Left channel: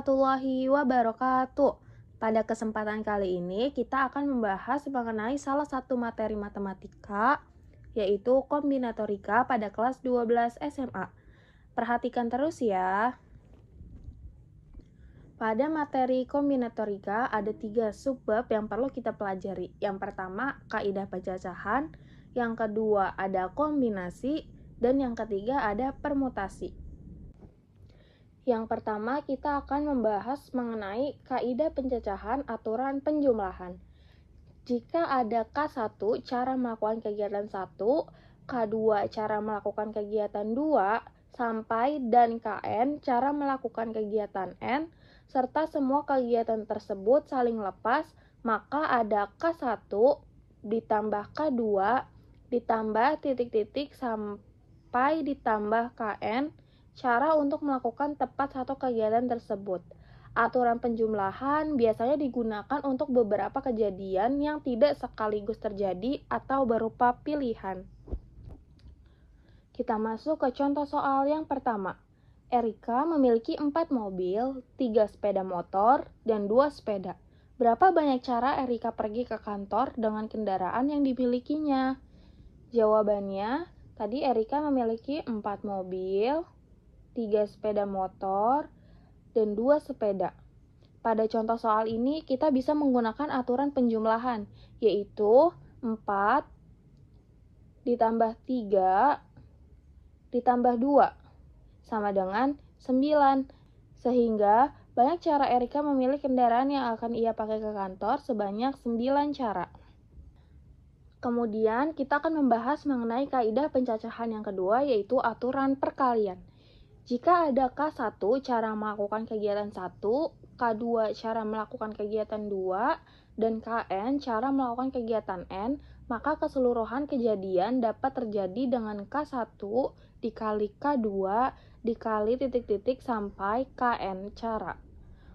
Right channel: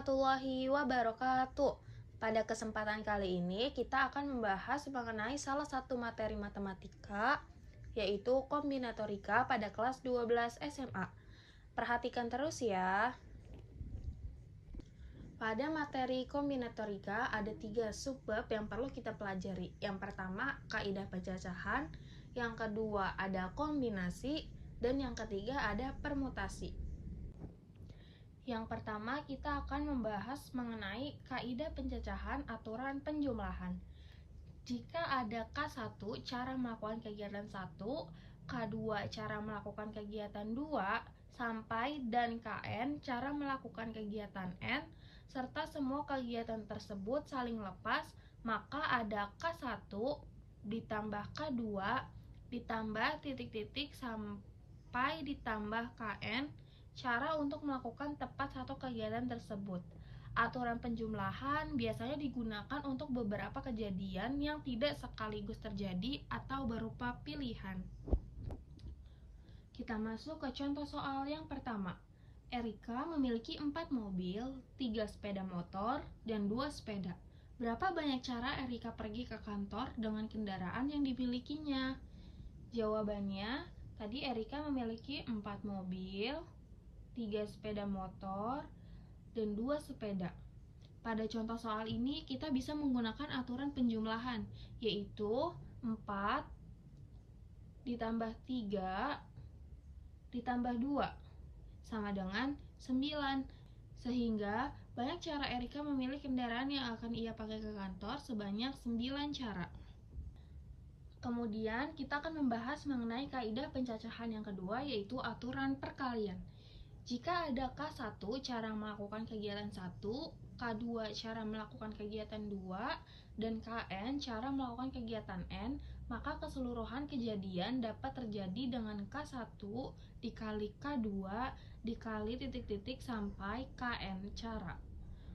warahmatullahi wabarakatuh. Pada kesempatan kali ini kita akan membahas mengenai salah satu materi matematika, yaitu kombinatorika pada kelas 12 SMA. Perhatikan terus ya. Pada materi kombinatorika ada 3 subbab yang perlu kita pelajari. Yang pertama, kaidah pencacahan. Yang kedua, ada kombinasi. Dan yang ketiga, ada permutasi. Yang pertama, kita akan membahas mengenai kaidah pencacahan aturan penjumlahan. Jika ada K1 cara melakukan kegiatan 1, K2 cara melakukan kegiatan 2, sampai dan Kn cara melakukan kegiatan N, serta semua kegiatan tersebut saling lepas, maka ada K1 ditambah K2 ditambah titik-titik sampai ditambah Kn cara untuk melakukan tepat satu kegiatan tersebut. Aturan penjumlahan biasanya digunakan untuk beberapa kejadian yang tidak sekaligus terjadi atau berupa pilihan. Kita masuk ke contoh soal yang pertama. Erika memiliki 4 mobil, 3 sepeda motor, dan 2 sepeda. Berapa banyak cara Erika pergi ke kantor dengan kendaraan yang dimilikinya? Jawabannya, tadi Erika memiliki 4 mobil, 3 sepeda motor, dan 2 sepeda. Pada contoh soal ini, kita bisa menggunakan aturan penjumlahan, yaitu 4 ditambah 3 ditambah 2, sama dengan 9. Sehingga, banyak cara Erika memilih kendaraan yang akan ia pakai ke kantor sebanyak 9 cara. Kemudian, kita akan membahas mengenai kaidah pencacahan yang kedua, yaitu aturan perkalian. Jika ada K1 cara melakukan kegiatan 1, K2 cara melakukan kegiatan 2, dan Kn cara melakukan kegiatan N, maka keseluruhan kejadian dapat terjadi dengan K1 dikali K2 dikali titik-titik sampai Kn cara.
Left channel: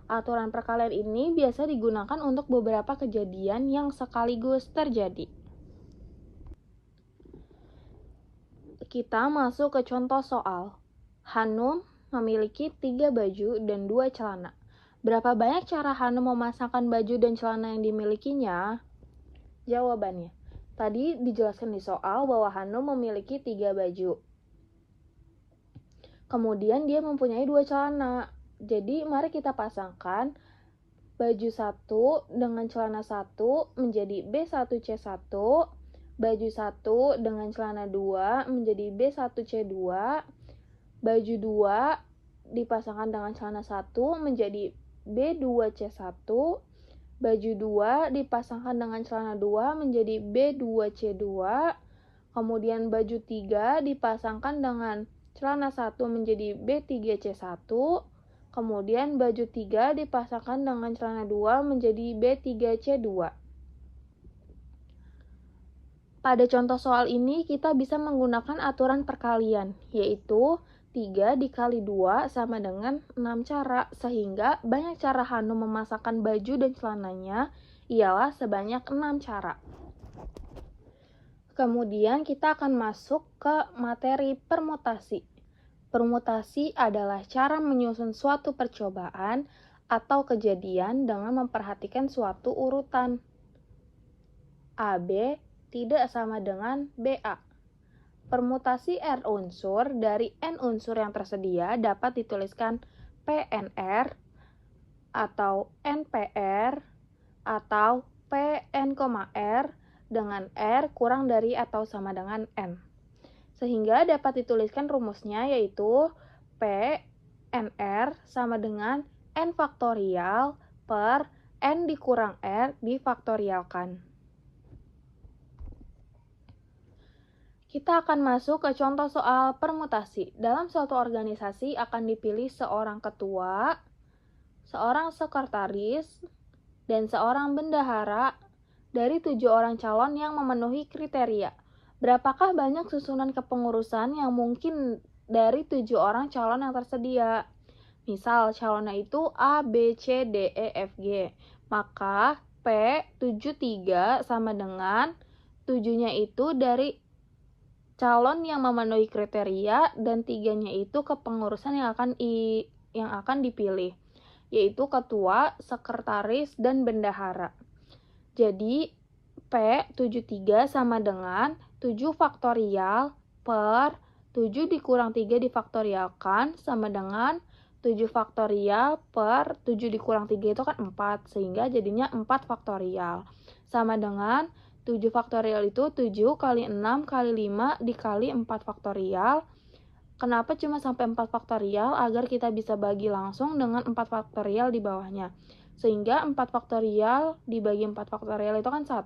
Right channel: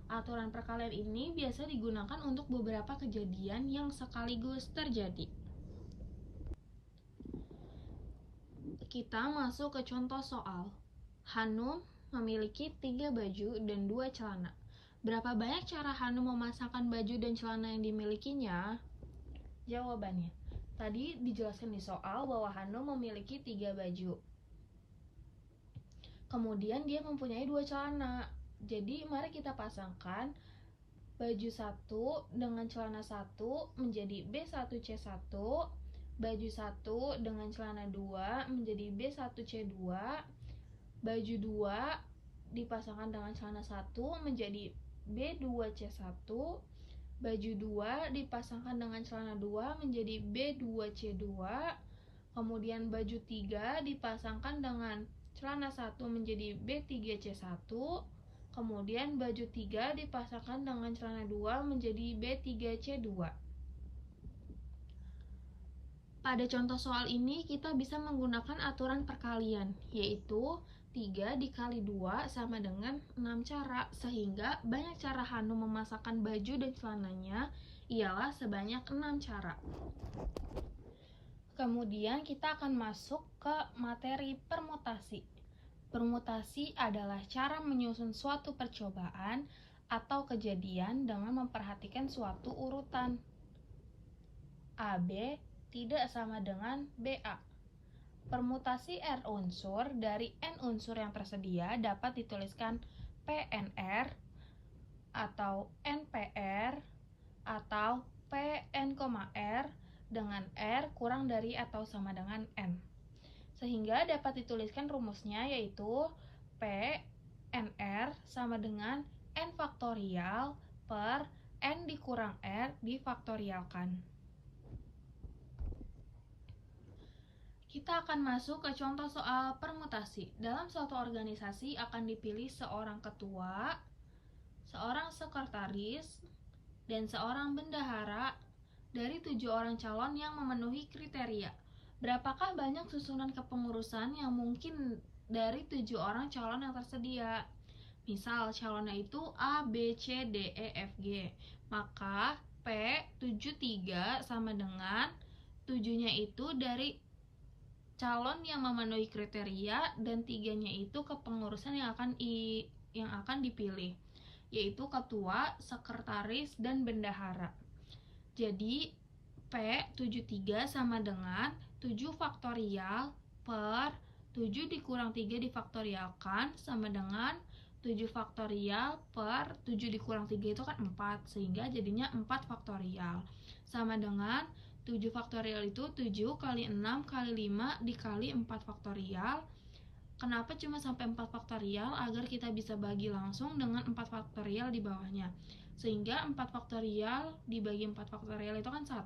Aturan perkalian ini biasa digunakan untuk beberapa kejadian yang sekaligus terjadi. Kita masuk ke contoh soal. Hanum memiliki 3 baju dan 2 celana. Berapa banyak cara Hanum memasangkan baju dan celana yang dimilikinya? Jawabannya, tadi dijelaskan di soal bahwa Hanum memiliki 3 baju. Kemudian dia mempunyai 2 celana. Jadi mari kita pasangkan baju 1 dengan celana 1 menjadi B1C1, baju 1 dengan celana 2 menjadi B1C2, baju 2 dipasangkan dengan celana 1 menjadi B2C1, baju 2 dipasangkan dengan celana 2 menjadi B2C2, kemudian baju 3 dipasangkan dengan celana 1 menjadi B3C1, kemudian baju 3 dipasangkan dengan celana 2 menjadi B3C2. Pada contoh soal ini, kita bisa menggunakan aturan perkalian, yaitu 3 dikali 2 sama dengan 6 cara, sehingga banyak cara Hanum memasangkan baju dan celananya ialah sebanyak 6 cara. Kemudian kita akan masuk ke materi permutasi. Permutasi adalah cara menyusun suatu percobaan atau kejadian dengan memperhatikan suatu urutan. AB tidak sama dengan BA. Permutasi R unsur dari N unsur yang tersedia dapat dituliskan PNR atau NPR atau PN,R dengan R kurang dari atau sama dengan N. Sehingga dapat dituliskan rumusnya yaitu PNR sama dengan N faktorial per N dikurang R difaktorialkan. Kita akan masuk ke contoh soal permutasi. Dalam suatu organisasi akan dipilih seorang ketua, seorang sekretaris, dan seorang bendahara dari 7 orang calon yang memenuhi kriteria. Berapakah banyak susunan kepengurusan yang mungkin dari 7 orang calon yang tersedia? Misal calonnya itu A, B, C, D, E, F, G. Maka P73 sama dengan 7-nya itu dari calon yang memenuhi kriteria dan 3-nya itu kepengurusan yang akan dipilih. yaitu ketua, sekretaris, dan bendahara. Jadi, P73 sama dengan 7 faktorial per 7 dikurang 3 difaktorialkan sama dengan 7 faktorial per 7 dikurang 3 itu kan 4, sehingga jadinya 4 faktorial. Sama dengan 7 faktorial itu 7 kali 6 kali 5 dikali 4 faktorial. Kenapa cuma sampai 4 faktorial? Agar kita bisa bagi langsung dengan 4 faktorial di bawahnya. Sehingga 4 faktorial dibagi 4 faktorial itu kan 1.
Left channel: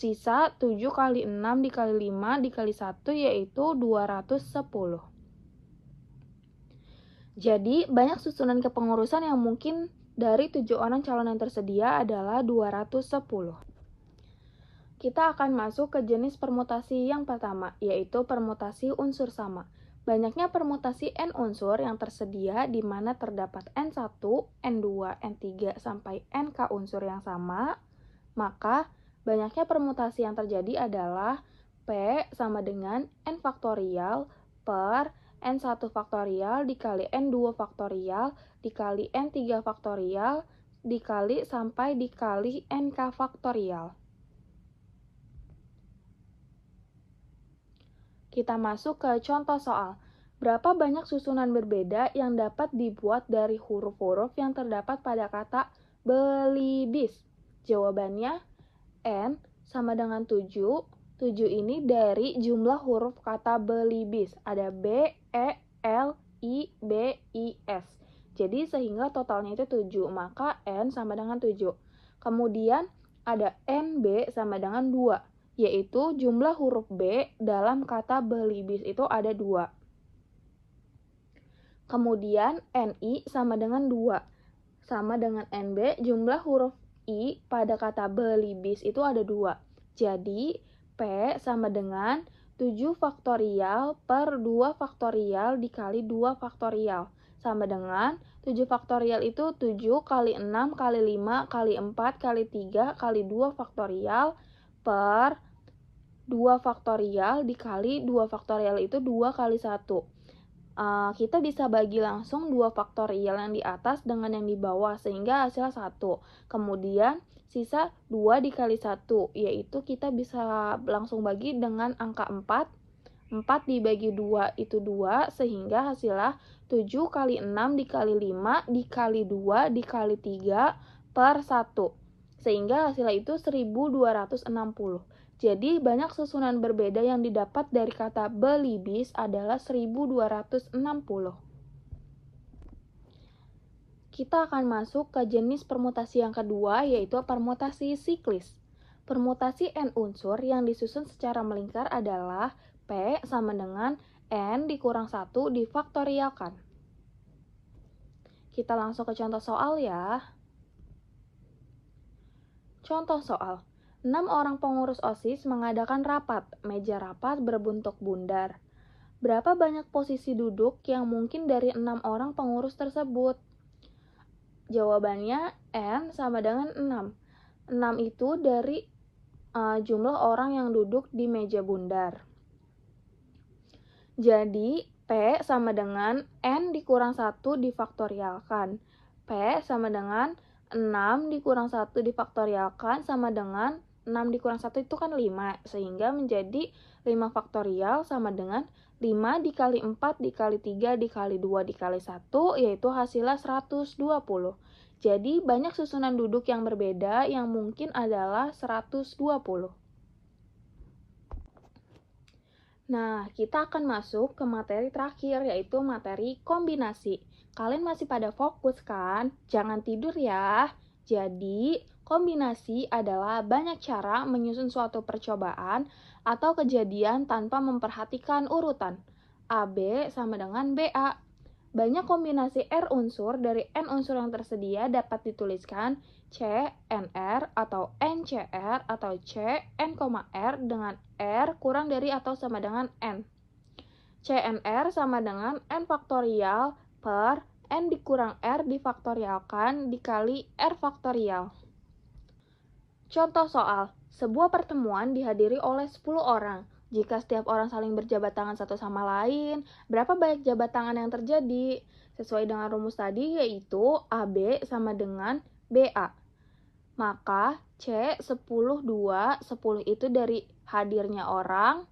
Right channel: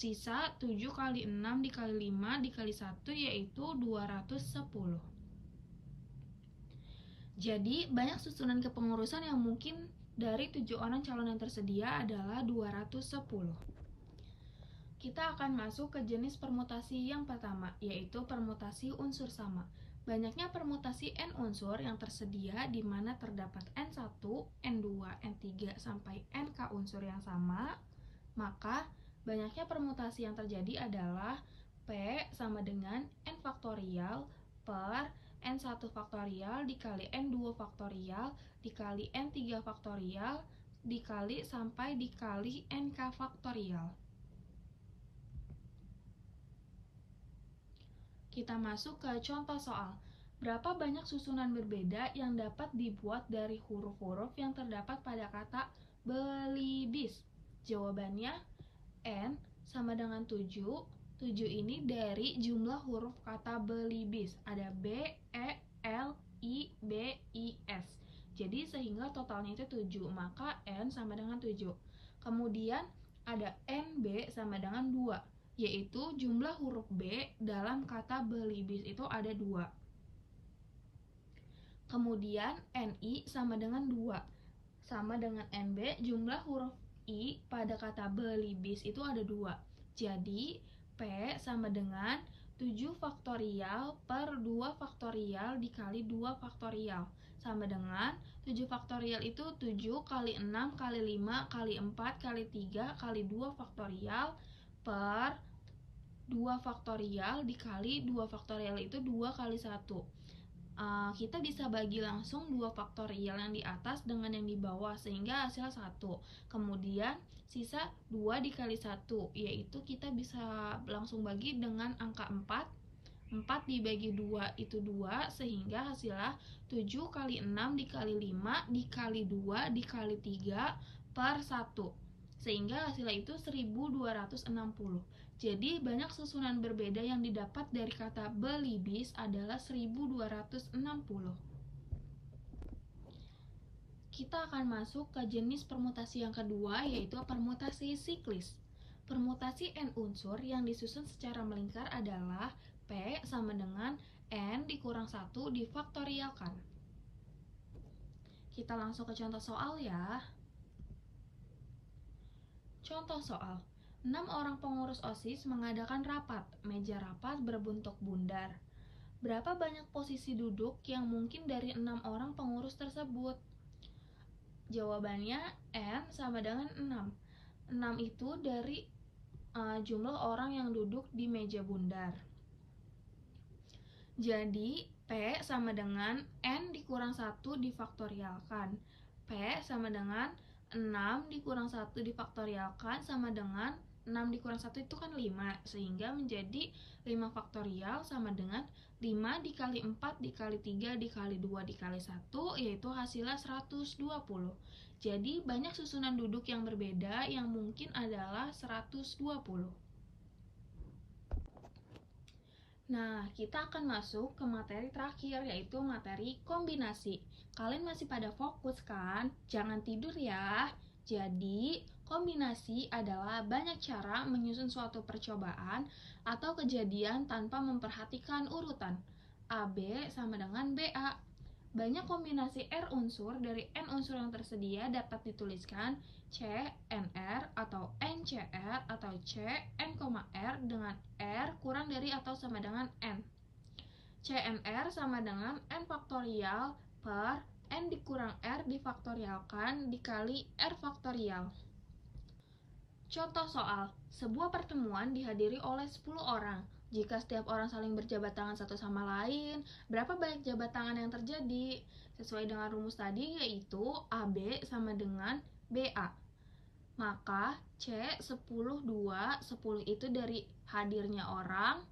Sisa 7 kali 6 dikali 5 dikali 1 yaitu 210. Jadi, banyak susunan kepengurusan yang mungkin dari 7 orang calon yang tersedia adalah 210. Kita akan masuk ke jenis permutasi yang pertama, yaitu permutasi unsur sama. Banyaknya permutasi N unsur yang tersedia di mana terdapat N1, N2, N3, sampai NK unsur yang sama, maka banyaknya permutasi yang terjadi adalah P sama dengan N faktorial per N1 faktorial dikali N2 faktorial dikali N3 faktorial dikali sampai dikali NK faktorial. Kita masuk ke contoh soal. Berapa banyak susunan berbeda yang dapat dibuat dari huruf-huruf yang terdapat pada kata beli bis? Jawabannya N sama dengan 7. 7 ini dari jumlah huruf kata beli bis. Ada B, E, L, I, B, I, S. Jadi sehingga totalnya itu 7, maka N sama dengan 7. Kemudian ada NB sama dengan 2, yaitu jumlah huruf B dalam kata beli bis itu ada 2. Kemudian NI sama dengan 2. Sama dengan NB, jumlah huruf I pada kata beli bis itu ada 2. Jadi, P sama dengan 7 faktorial per 2 faktorial dikali 2 faktorial. Sama dengan 7 faktorial itu 7 kali 6 kali 5 kali 4 kali 3 kali 2 faktorial per 2 faktorial dikali 2 faktorial itu 2 kali 1. Kita bisa bagi langsung 2 faktorial yang di atas dengan yang di bawah sehingga hasilnya 1. Kemudian sisa 2 dikali 1, yaitu kita bisa langsung bagi dengan angka 4. 4 dibagi 2 itu 2 sehingga hasilnya 7 kali 6 dikali 5 dikali 2 dikali 3 per 1. Sehingga hasilnya itu 1260. Jadi, banyak susunan berbeda yang didapat dari kata beli bis adalah 1260. Kita akan masuk ke jenis permutasi yang kedua, yaitu permutasi siklis. Permutasi N unsur yang disusun secara melingkar adalah P sama dengan N dikurang 1 difaktorialkan. Kita langsung ke contoh soal ya. Contoh soal. 6 orang pengurus OSIS mengadakan rapat. Meja rapat berbentuk bundar. Berapa banyak posisi duduk yang mungkin dari 6 orang pengurus tersebut? Jawabannya N sama dengan 6. 6 itu dari jumlah orang yang duduk di meja bundar. Jadi, P sama dengan N dikurang 1 difaktorialkan. P sama dengan 6 dikurang 1 difaktorialkan sama dengan 6 dikurang 1 itu kan 5, sehingga menjadi 5 faktorial sama dengan 5 dikali 4 dikali 3 dikali 2 dikali 1, yaitu hasilnya 120. Jadi, banyak susunan duduk yang berbeda yang mungkin adalah 120. Nah, kita akan masuk ke materi terakhir, yaitu materi kombinasi. Kalian masih pada fokus kan? Jangan tidur ya. Jadi, kombinasi adalah banyak cara menyusun suatu percobaan atau kejadian tanpa memperhatikan urutan. AB sama dengan BA. Banyak kombinasi R unsur dari N unsur yang tersedia dapat dituliskan CNR atau NCR atau CN,R dengan R kurang dari atau sama dengan N. CNR sama dengan N faktorial per N dikurang R difaktorialkan dikali R faktorial. Contoh soal, sebuah pertemuan dihadiri oleh 10 orang. Jika setiap orang saling berjabat tangan satu sama lain, berapa banyak jabat tangan yang terjadi? Sesuai dengan rumus tadi yaitu AB sama dengan BA. Maka C 10, 2, 10 itu dari hadirnya orang,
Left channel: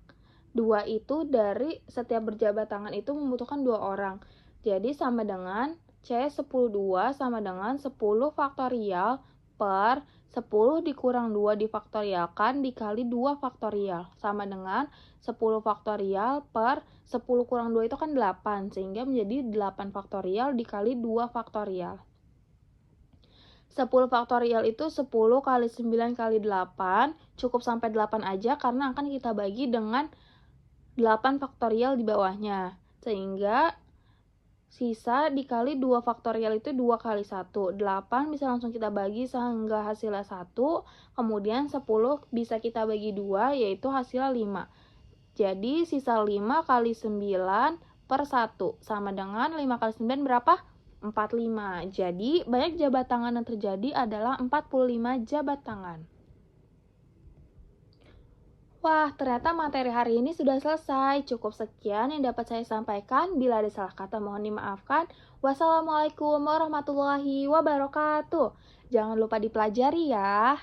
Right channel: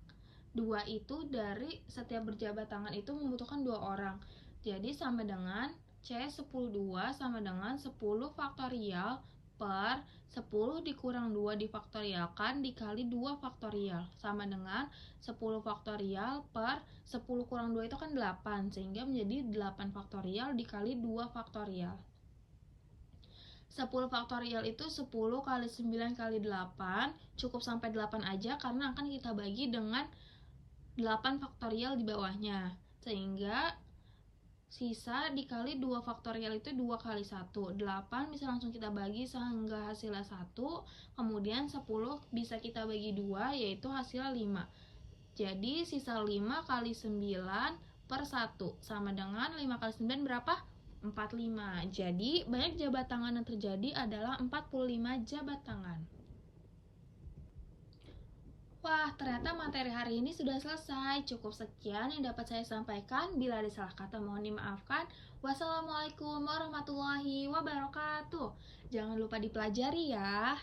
2 itu dari setiap berjabat tangan itu membutuhkan 2 orang. Jadi sama dengan C 10, 2 sama dengan 10 faktorial per 10 dikurang 2 difaktorialkan dikali 2 faktorial. Sama dengan 10 faktorial per 10 kurang 2 itu kan 8, sehingga menjadi 8 faktorial dikali 2 faktorial. 10 faktorial itu 10 kali 9 kali 8, cukup sampai 8 aja karena akan kita bagi dengan 8 faktorial di bawahnya. Sehingga sisa dikali 2 faktorial itu 2 kali 1. 8 bisa langsung kita bagi sehingga hasilnya 1. Kemudian 10 bisa kita bagi 2 yaitu hasilnya 5. Jadi sisa 5 kali 9 per 1 sama dengan 5 kali 9 berapa? 45. Jadi banyak jabat tangan yang terjadi adalah 45 jabat tangan. Wah, ternyata materi hari ini sudah selesai. Cukup sekian yang dapat saya sampaikan. Bila ada salah kata mohon dimaafkan. Wassalamualaikum warahmatullahi wabarakatuh. Jangan lupa dipelajari ya.